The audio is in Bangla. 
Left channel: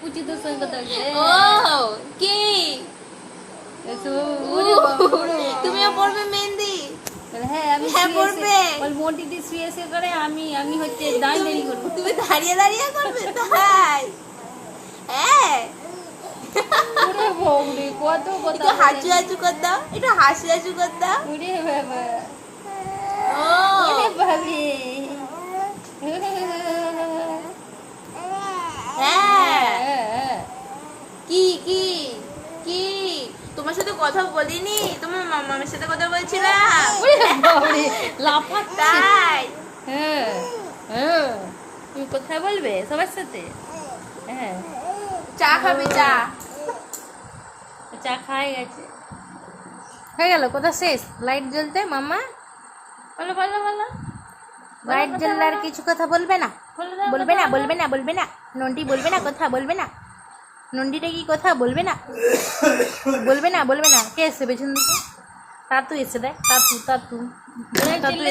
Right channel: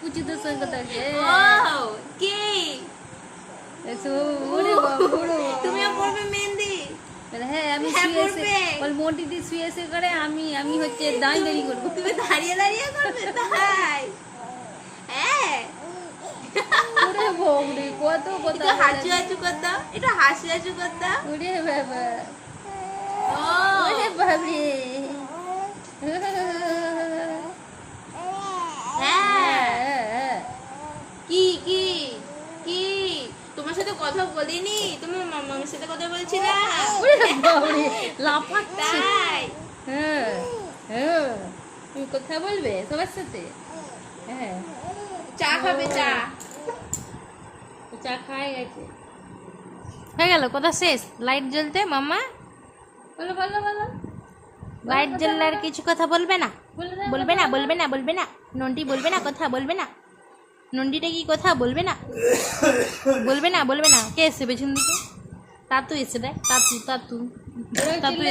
পুচিদের সঙ্গে কথা বলছে। ও কি তুমিও পড়বে মেহেন্দি? হ্যাঁ আমি হ্যাঁ, পড়বে। মোটিতে শুয়ে শুয়ে করে আমি হচ্ছে দাঁড়িয়ে করবো। তুমি দাঁড়িয়ে দাঁড়িয়ে করবে তাই? হ্যাঁ, ওরে বউরে কত কথা একটু হাঁচু হাঁচু কর দাও, একটু হাসি হাসু কর দাও। ওরে বাবা ও ওরে বাবারে হ্যাঁ, কি কি কি তোমার সাথে কথা বলিনি? তোমার মামার সাথে কথা বলছিলাম। ওরে বাবারে লাফাচ্ছে। তাই হ্যাঁ হ্যাঁ তুমি কথা বলবে সবার সাথে? হ্যাঁ চা খাবে? চা চা খাই গেছে, হয়ে গেল। কথা শেষ? লাইট জ্বলতে মামা বলো বলো বলো। লাইট জ্বললে আর কিছু কথা বলবে না? বলে দাও, বলবে না কথা বলবে না বলবে না নন্টি বলবে না কথা বলবে না? নন্টিটা কি কথা বলবে না? বলবে না বলবে না? কে এসছে পেছন দিকে? তাতু এসে দেখ, তাতু তাতু তাতু